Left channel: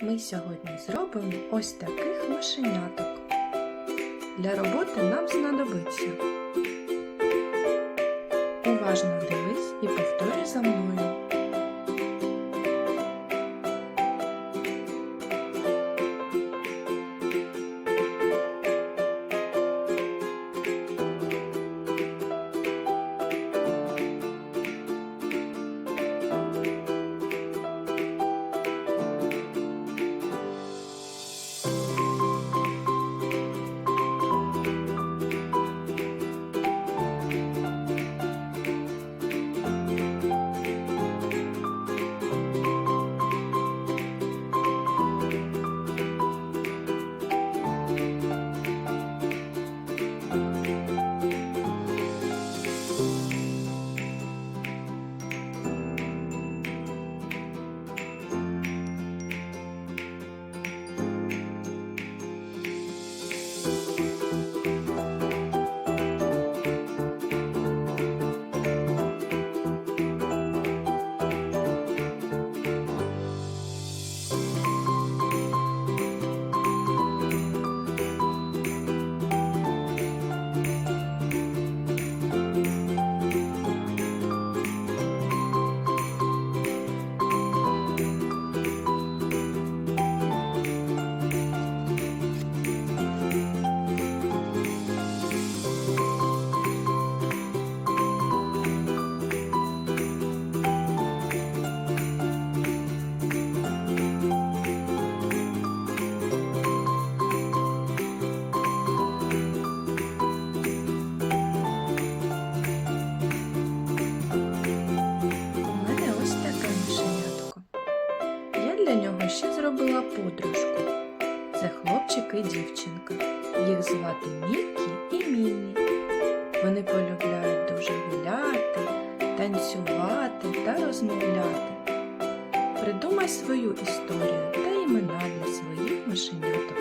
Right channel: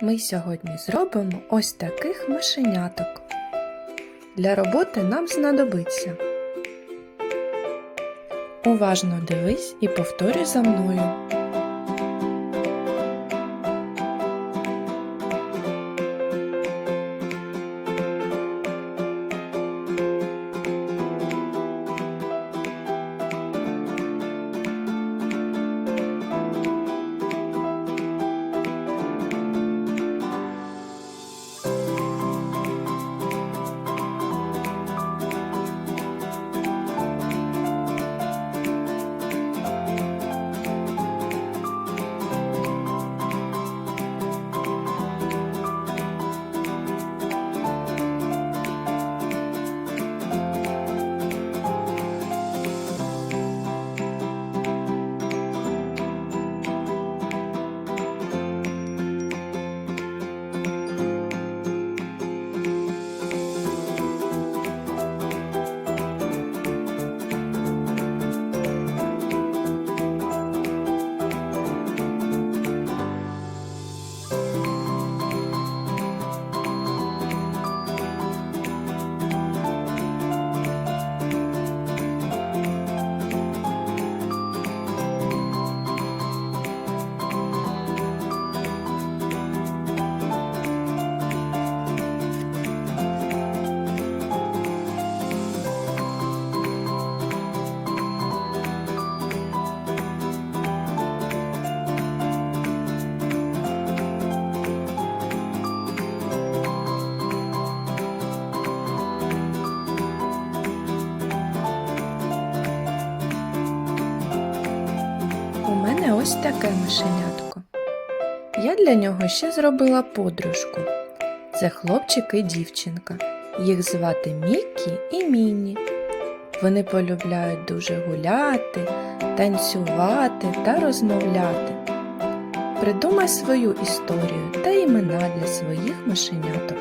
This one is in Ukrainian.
Ми сьогодні зробимо ось таких машеняток. Для роботи нам знадобиться. Уважно дивись і повторюй за мною. Таке мишенятко. Я для нього ще зробила подружку. Це хлопчик і дівчинка. Їх звати Мікі і Міні. Вони полюбляють дуже гуляти, танцювати та розмовляти. Придумай свою історію та імена для своїх мишеняток.